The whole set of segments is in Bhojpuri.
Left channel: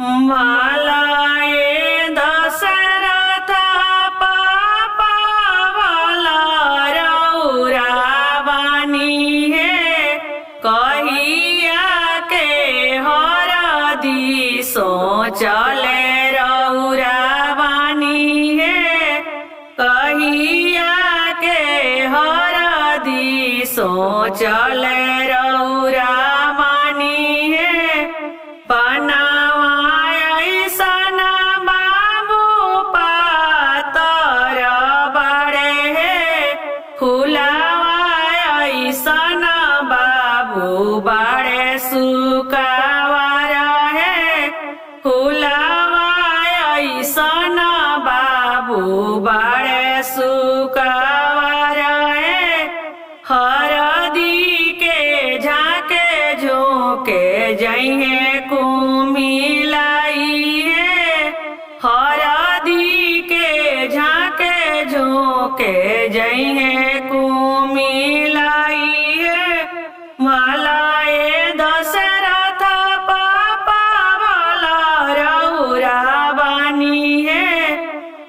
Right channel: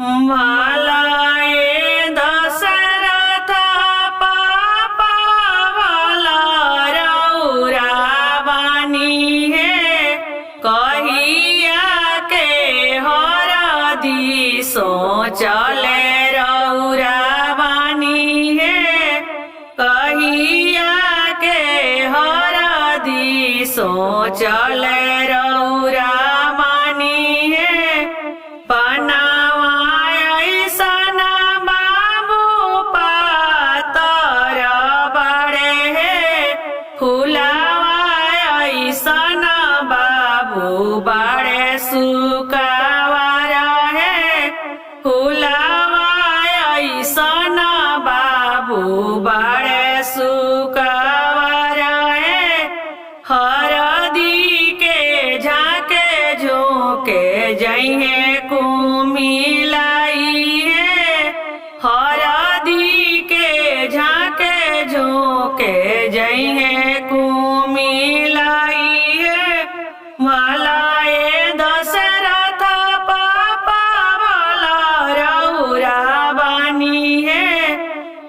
वालाए दशरथ पापा वाला रउरा बानी है कहिया के हरदी सोचले रउरा बानी है कहिया के हरदी सोचले रउरा बानी है पनावा ऐसन बाबू पातर बड़े है फुलावा ऐसन बाबू बड़े सुकावर है फुलावा ऐसन बाबू बड़े सुकावर है हरदी के झाके झोंके जइहे कुमिलाई है हरदी के झाके झोंके जइहे कुमिलाई है वालाए दशरथ पापा वाला रउरा बानी है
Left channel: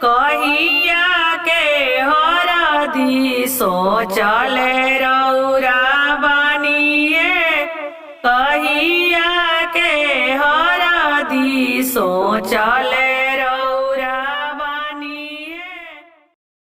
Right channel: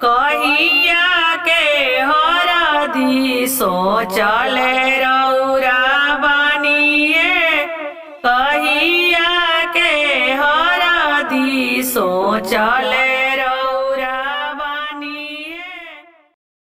कहिया के हरदी सोचले रउरा बानी है कहिया के हरदी सोचले